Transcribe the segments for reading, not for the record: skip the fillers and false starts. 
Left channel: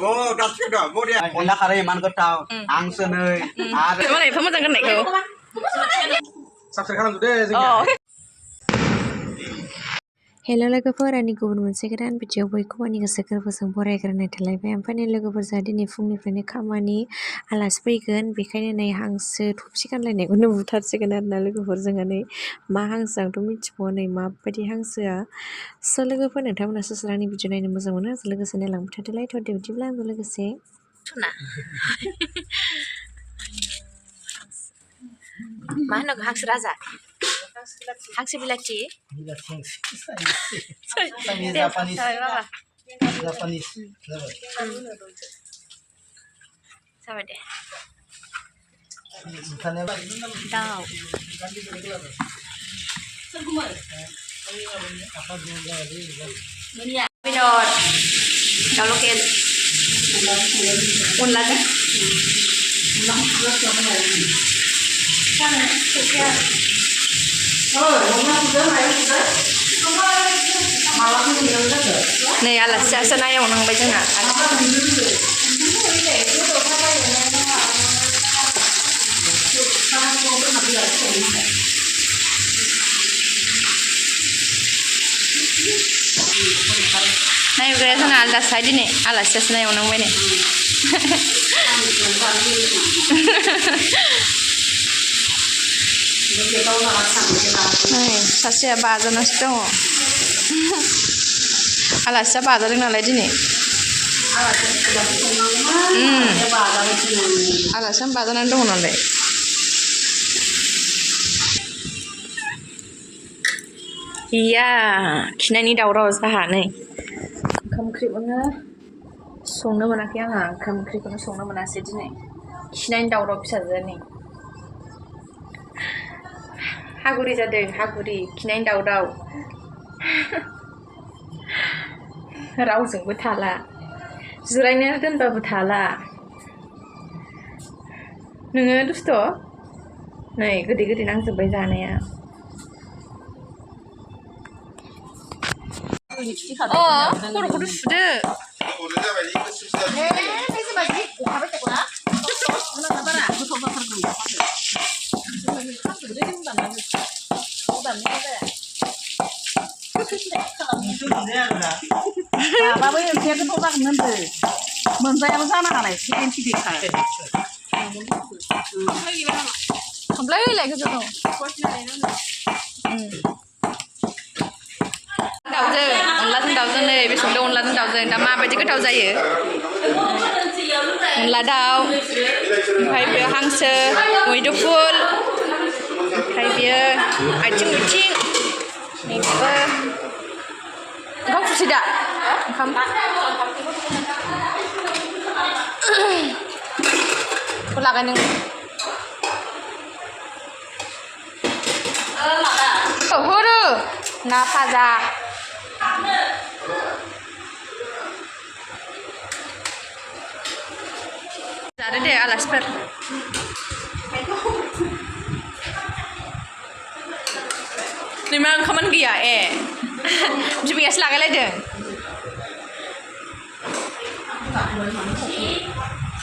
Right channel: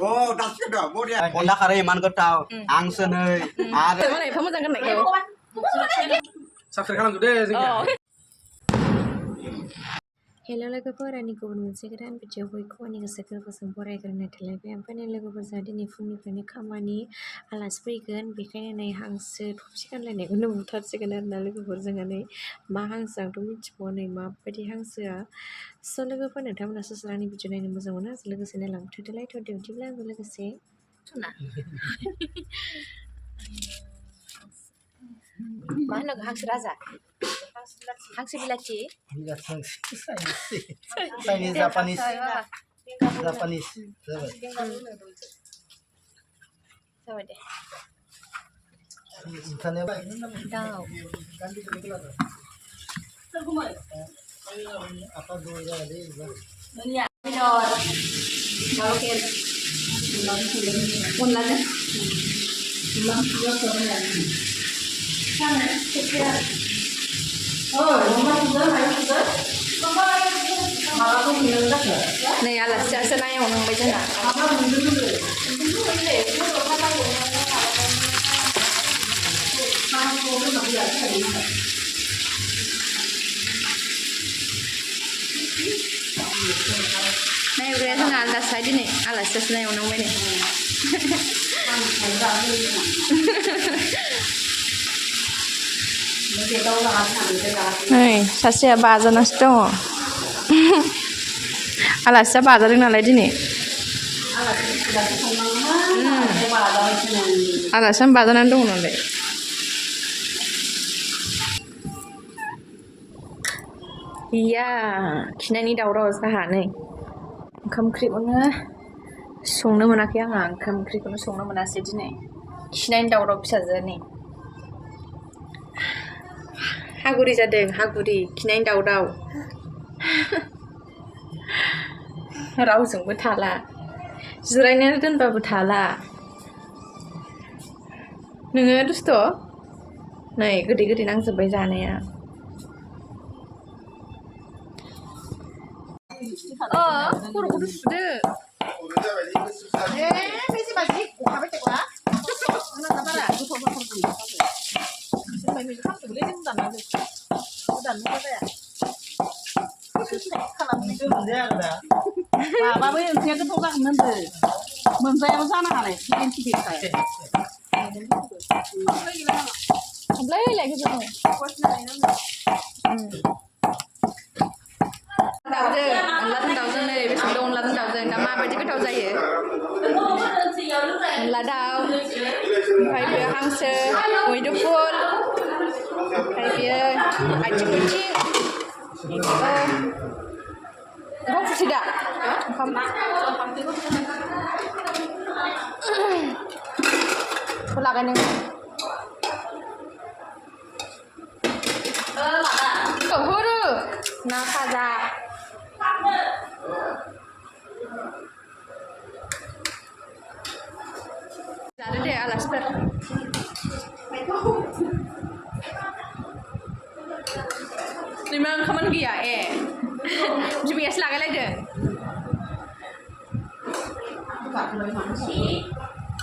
अनला खारै इमान गोथाव हांसो नै आरो मालाय एफा मोजां गाननायखौ साबस्क्राइब खालामजोबदे जों हेल' लोगोफोर आंनि गुबुन मोनसे गोदान भिडिअ बयखौबो आंनि गोसो गोरबोजों बरायग्रोनाय थालायबाय ओमफ्राय लोगोफोर जोंहा दिनै फुंनिफ्रायनो खामानि आलासि फैगोन बेखायनो नै हांसो थफसि गानलायनायखौनो बुथारसिगोन आरोना लोगोफोर जोंहा नै मा हांसो आंथ' मिथिबावा नै माबायदि हांसोआ स' लोगोफोर नोंथांमोना सोर सोर आंनि भिडिअ नायनो मोजां मोनो आंजों लोगोसे नायलांबाय थादोलाय थ' बिदिब्ला आंजों लोगोसे मा होनो हांसो राजा हांसो बिलाथि जापानिस जाबाय दे दाउ बेदर दाउ लकेल अनलाजों नै आलासियासो नायवनांबाय जोंना नायग्राया जोंना आलादासो दिनै आलासियासो नायवनांबाय नै नै सासेया बाजानासो दङ आलासिया बाजादों नालाय दिनै आलासिया बाजानानै दङ नालाय गैया खिनायनि दावराव जाहा नै ओंखाम ओंख्रिखौनो संनो मोनाखै आंहा ओंखाम ओंख्रिखौनो संनो मोनासै दिनै खिनायनि दावराव फिसाजोनि हागुरि जादों हागुरि खिनायनि दावराव रावजोंबो थाला जिरायनो दोनबाबो थाला नोङो दुस्थ' नै गोदै गोदै नांजोब्बाय जानाया खर'खौथ' सुदो दाउजों अनलाजों दाउजों नै बे संदों अनलाजों दाउजों दा माबायदि गोथाव जायो अनला दाउ ओमफ्राय बेयो हांसो मैदुफुल ओमफ्राय बेयो आथिं उथिं बेबो ओंखाम खुरसै दा ओंखाम लागाय नों हरो ना भाजा जादो दे आलासिफोर नोंना ओंखामानो गैया ए बिमायासो लागायलायदों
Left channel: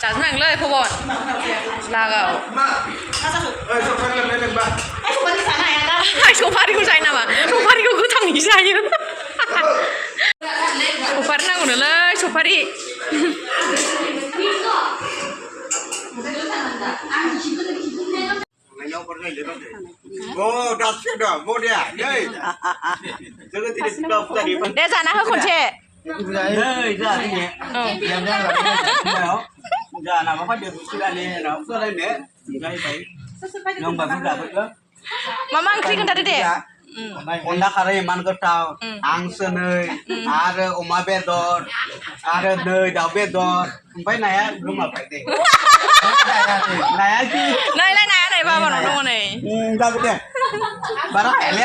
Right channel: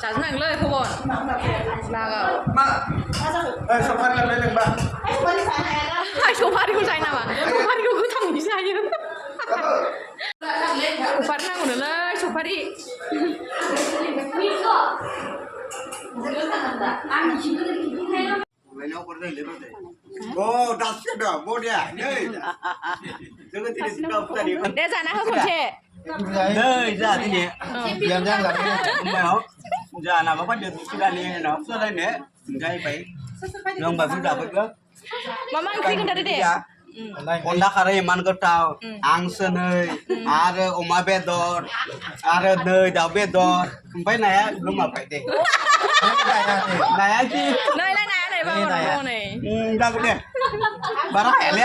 जाजोबनांगोनलै फबन लागाव सफारिखौ जायो नामा सफारिखौ गोथाङै जायो सफारि नांगौनोलै सफारि दे जाना हो खनसे मा ओंख्रि खोन्थादो दे अनला खारै इमान गोथाव हांसो नै आरो अमा बेदर आरो नै दाउ बेदर ओमफ्राय नाया गोमाबाय दे नाया नैलाय नाया नै बाबानाव दङ नै जाबाय दे बारा हायले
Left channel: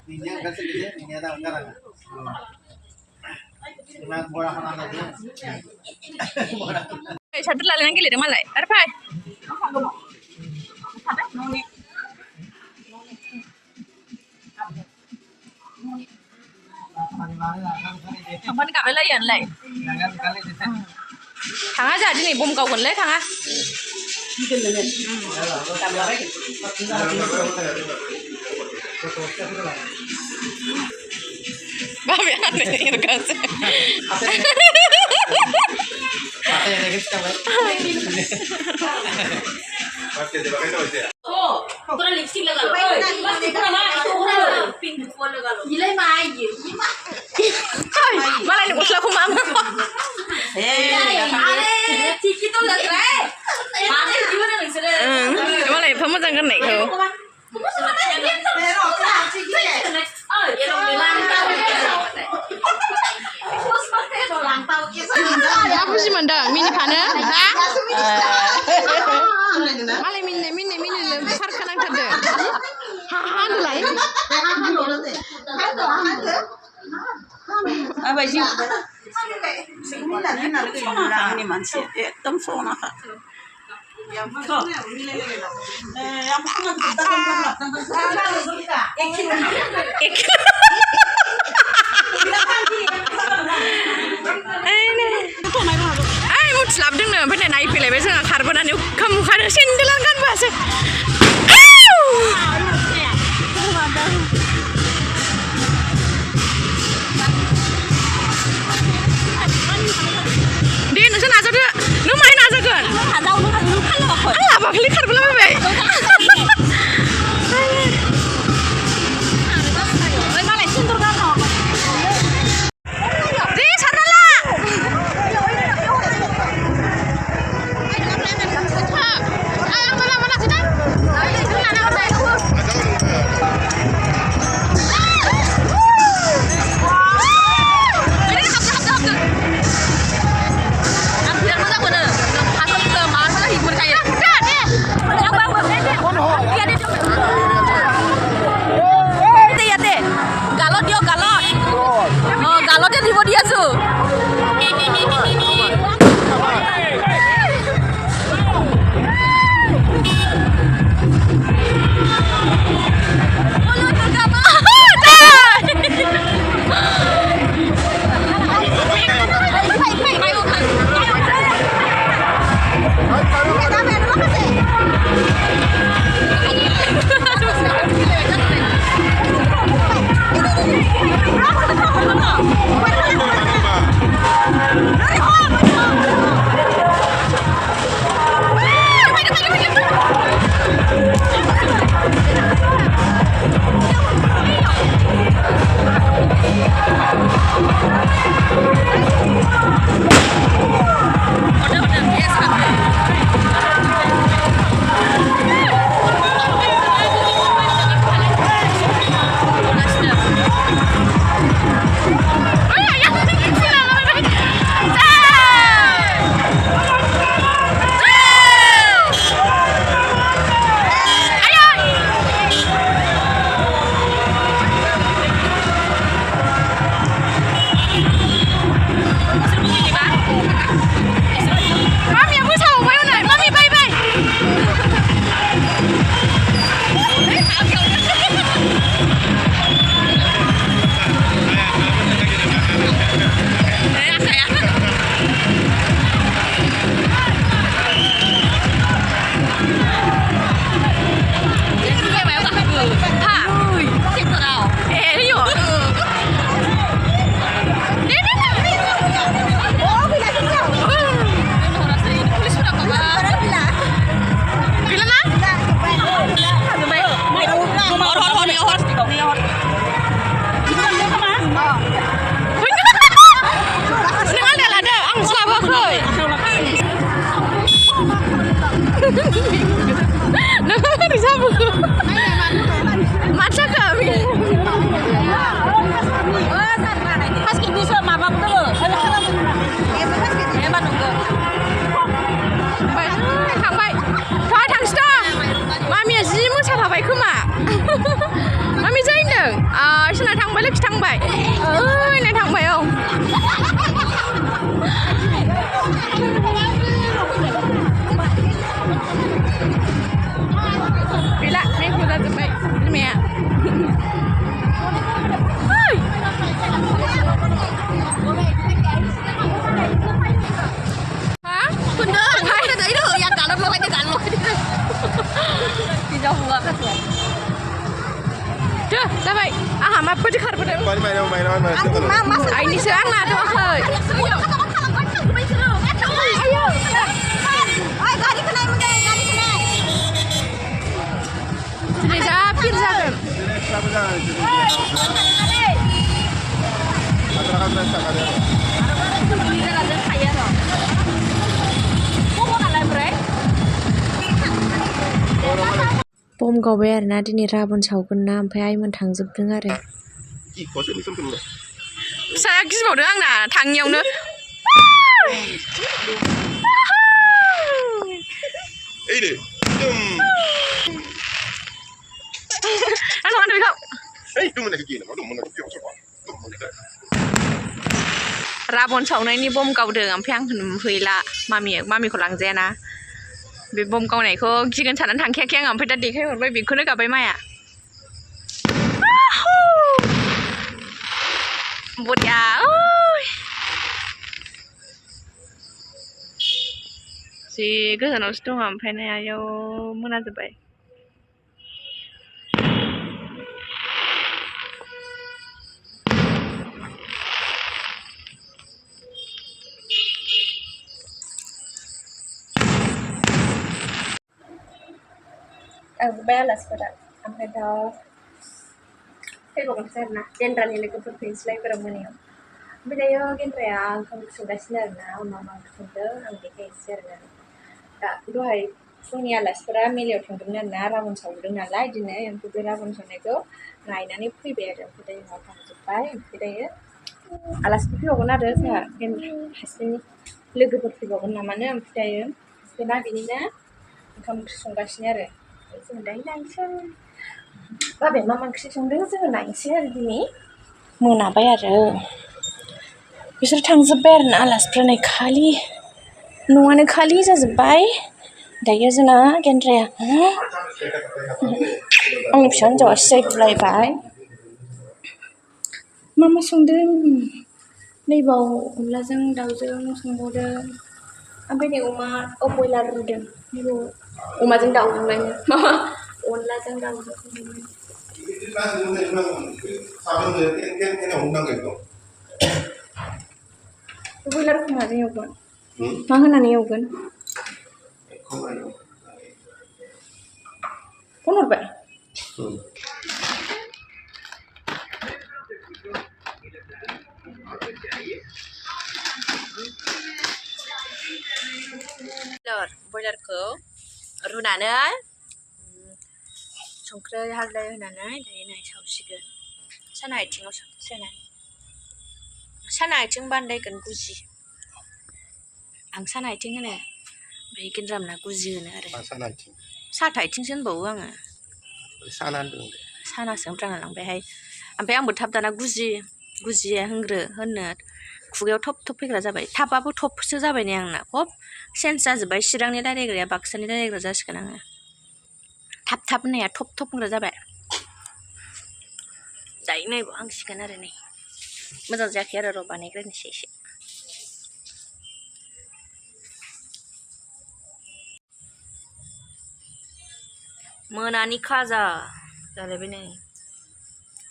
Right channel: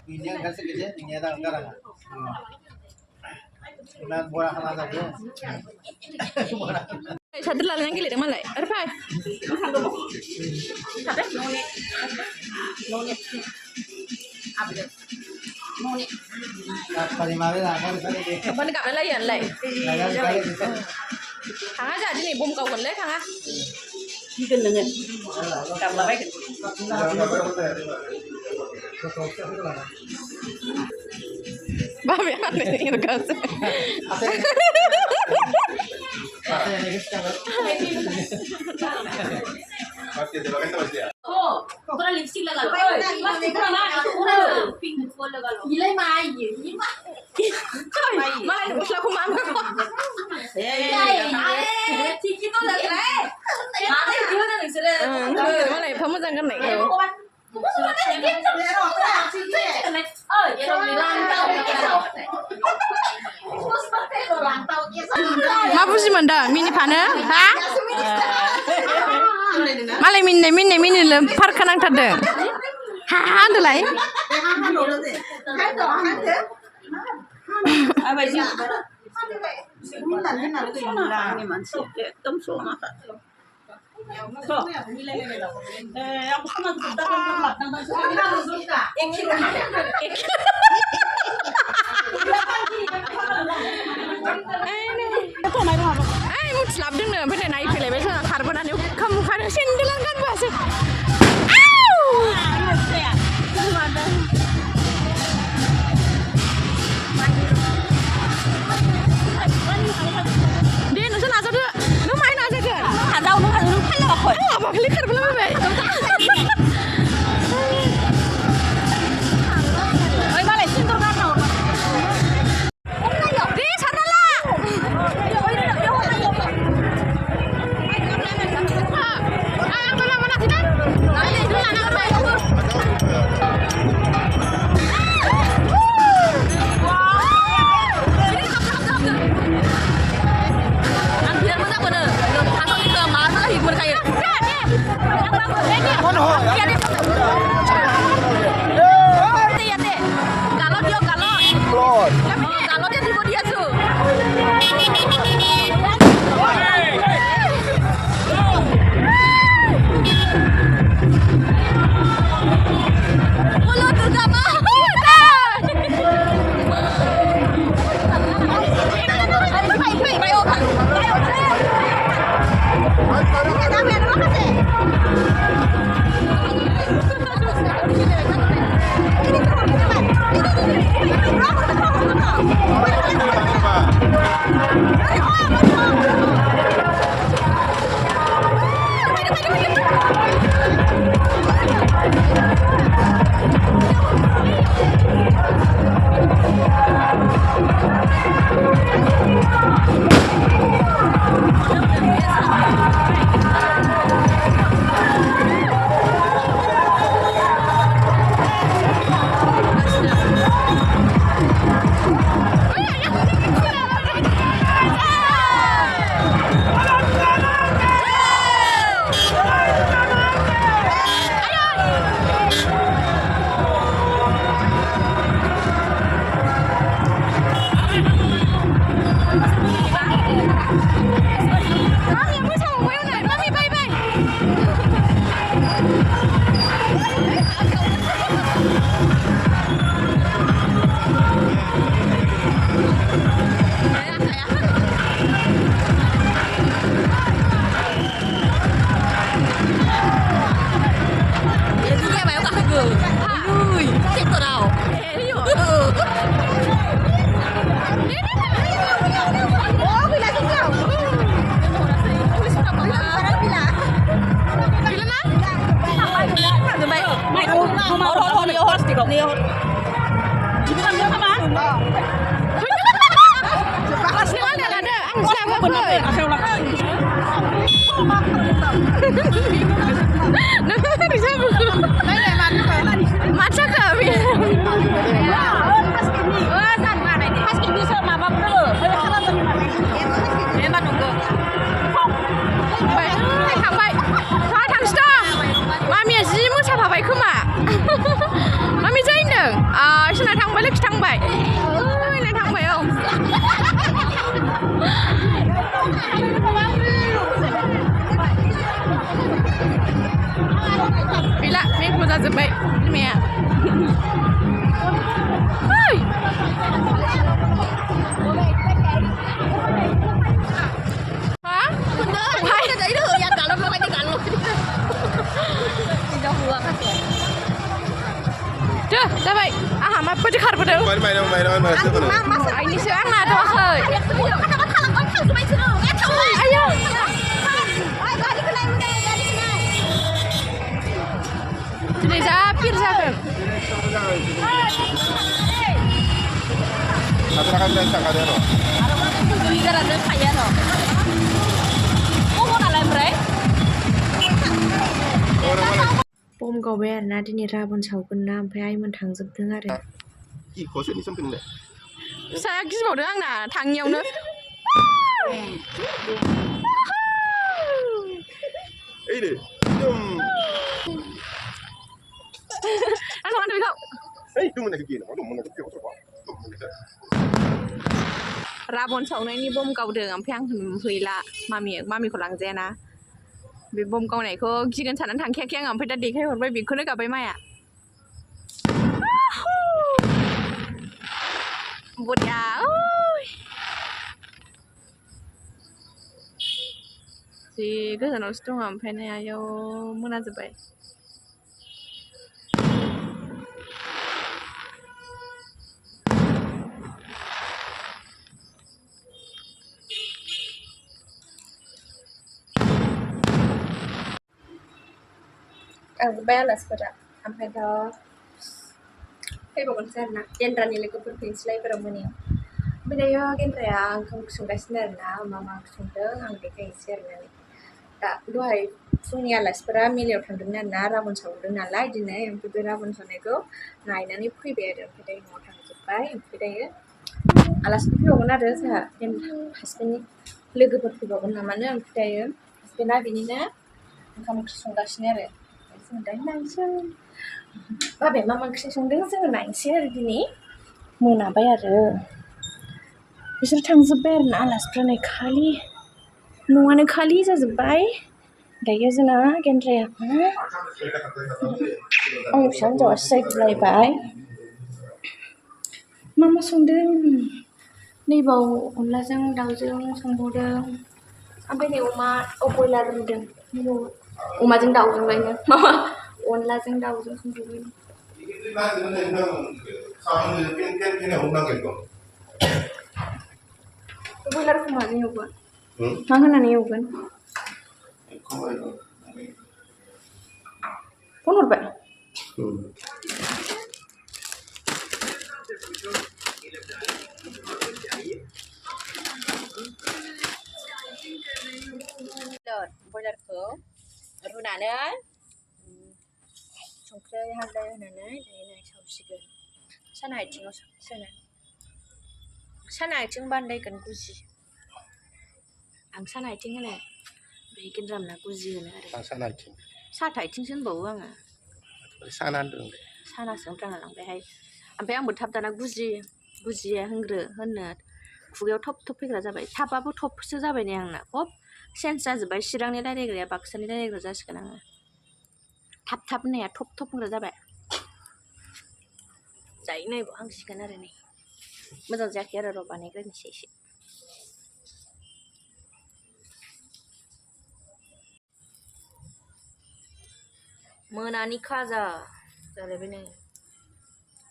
साद्र लालायनानै गेलेदों मालाय आरो फाय Kapan kami layan lai? थाङा जोंहा दिनै बम गावगोनलै थाङा बाबाया आंनो गासै Kuna lipstick laga lo. Lipstick pura mana? Itu udah pink full laga lo. Gila mai ye. malah ini goslah aku mama Tiki tuh laga le. Mana dia udah lisere. malah apa mau jangan naik kau Oh, dia orang bilang tahu. apa sih manda mini pana ha malah mini lempar kanang tade ha ada lain apa sih? Ini mansi, tam sona kah? Apa nak kita Ay, mau selap deng nih, bener naik pilih besok nggak karbonan yuk, kamu kada sendelan kan bahasa. Dia nusa nasa tuh, nu main nasa kan? ada orang kan lo kok. Alah, apa kali karbonan bebe? Maca kami. Pas ibu sama mama betul. Memang nunggu. Baik, थांबाय. Wah, थांसै. मामिया जि मोसाफाबाय खोमा. Mummy जै होनदों? सोरना थांबाय लोखि थांबाय. ना थांबाय औ. Gila, ini udah gede. Ini ya. माबायदि खारबोदों आइनिसो आंना दवाखै आयौ दिनै जा पिर जागोन बम गावबाय आरोना दिनै राबन सावगोन ना ओमफ्राय आइमोन थांजोबदों आरो फिसाया गिबावदों आंना थाङियावनो राबन सावनायनि बम गावदों ओमफ्राय आंखौ नुहैला मामिखौ लांजायाना बे बम गावनायखौ गिगोन साननानै थांखायाखै आं ओमफ्राय दा देखायहरबाय बेखौनो गाबाय माया बरिया जि गोजानावसो दङ ओमफ्राय नै आयौ मोनाजोब्बाय थांजोब्बाय आलासिफोरा ओमफ्राय दा फैबावगोनसो आरोना गेन्द्रानि लोगोफोर फैनोसैलाय एबाराव मोनायाव ओमफ्राय दायो गेन्द्राया ओंखाम संगासिनो आरोना मा ओंख्रि संदों आं देखायनोसै आरोना दा दहाय फुंनि आलासिफोरा मेलायाव थांदोंमोन आरोना राबन सावदों नालाय दिनै ओमफ्राय बे राबन सावनायखौ नायनानै फैबाय आरो ओमफ्राय दायो न'आव थांजोब्बाय ओमफ्राय दायो आलासिफोर फैबावगोन आरो जोंहा हासबेन्डनि लोगोफोर फैबावगोन नामानो ओमफ्राय दायो हासबेन्डआ बिनिनो ओंखाम ओंख्रि संगासिनो आरो जों दायो नायनोसै बाबाया मा ओंख्रि संदों जोङो नायनोसै आरो दिनै मोनाबाय आरो बिसोर थांजोब्बाय आरोना आलासिफ्रा नै खालि न'आनो खालि जाजोब्बाय दायो जोंना गेन्द्राया आंनि फिसा हिन्जावा सिजायगुलायबाय मा संदों नैबाव अनलाजों दाउजों संबावदों ओमफ्राय नै बयलार रुदों अमाजों दाउजोंलायनो माबा अनलाजों दाउजों संबावबाय बयलारखौ माजों एवगोन मा होनानै एवगोन फन हरबाय बयलारखौ रुनानै संख्रि हालदै होनानै दायो नै सावसिगोन साना आथिङाव सोनानै साना आथिं बानायगोन गुजि आं साना आथिं होनो ओमफ्राय गेन्द्रामना गुजि होनो आरो साथा आथिंसो होनबावो आङो सानासो होनफ्रांना लांबायहाय ओमफ्राय आंबो थाब दाना गुजिया होननो खुगायाव थब थब फैग्रा जाबाय थाबाबो थबसो जाबाय नै आंना खब चेन्ज जाजोब्बाय चिरांनि रायलायग्राया बाक्सानि रायलायग्रा जासिगोन आङो थाब होननाया थब होनग्रा जाबाय दायो नायबाव हांसिगोन आरो नै मोजां जायाखै आरो र' बानायग्रोनोसै एसे मोनानि खाजा जालायबाय नै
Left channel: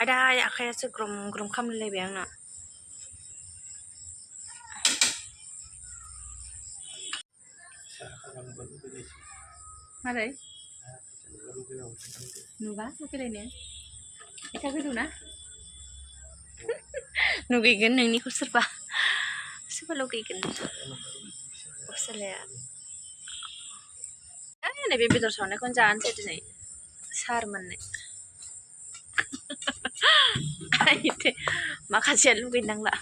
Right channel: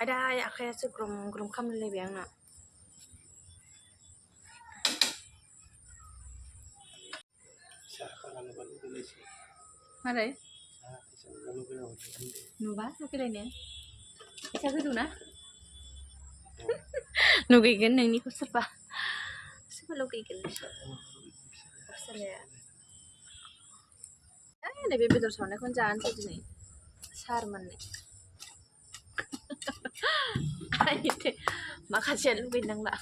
आदा आखायासो ग्रम ग्रम खामलायलायबाय आंना मारै नुबा लुगैलायनो फैसा गोदौ ना लुगैगोन नोंनिखौ सोरबा लुगैगोन फिसालाया नैबे बेदर सावनायखौनो जानोसै दिनै सार मोननो माखासेया लुगैनांला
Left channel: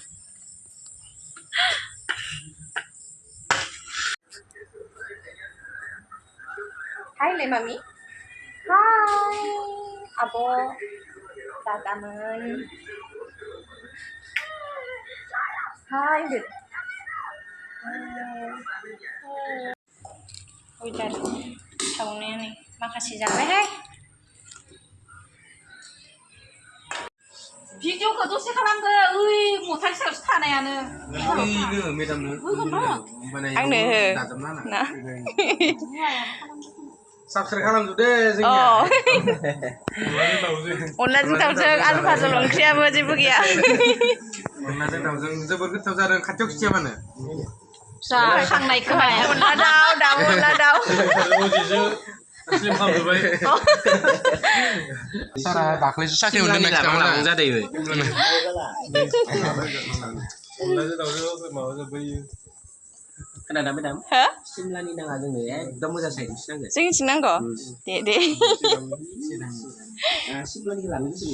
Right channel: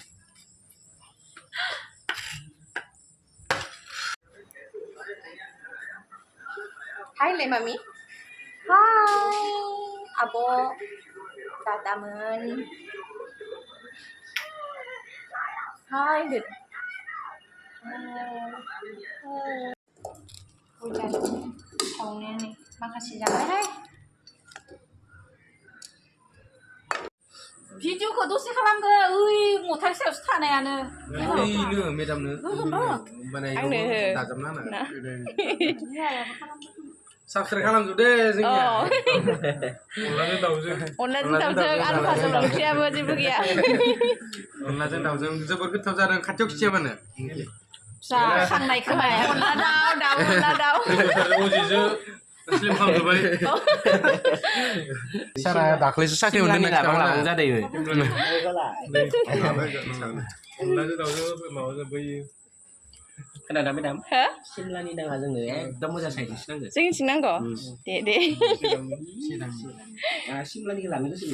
हाय मामि हाय आब' दादामोन हाय होनदो बयलार सावनाया नै माखासे जाबायहाय भिडिअखौ दसे खालामदो ओइ मथाइ सायावसो थानायानो मेदामनो आंनो साबस्क्राइब खालामजोबदो जोंनिया अनलाजों दाउजों आलु भाजा ओंख्रियाबो जेबो गैया अनलाजों दाउजों जोबोर गोथाव जादों खाथियाव खिथियाबानो जाखांनाय खोमाया अनला दाउ अजिजो स्लिम खालामजोब्बाय सारा दाख्लैसो साख्रि मोनदों नेक्स्ट टाइम जादों अनलाजों दाउजों माबा जोब्बाय खोनादों मेदाम सिमलानि नाङा जोंनो एकदम मोजां साइड नांगौ जोंनिथिं नांगौ दे सिमलानिखौ लानो गोसो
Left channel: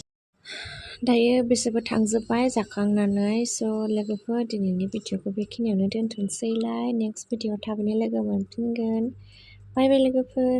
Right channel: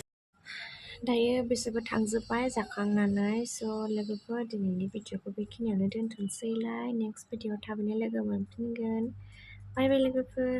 दायो बिसोरबो थांजोब्बाय जाखांनानै स' लोगोफोर दिनैनि भिडिअखौ बेखिनियावनो दोनथ'नोसैलाय नेक्स्ट भिडिअ थाबैनो लोगो मोनफिनगोन बाय बाय लोगोफोर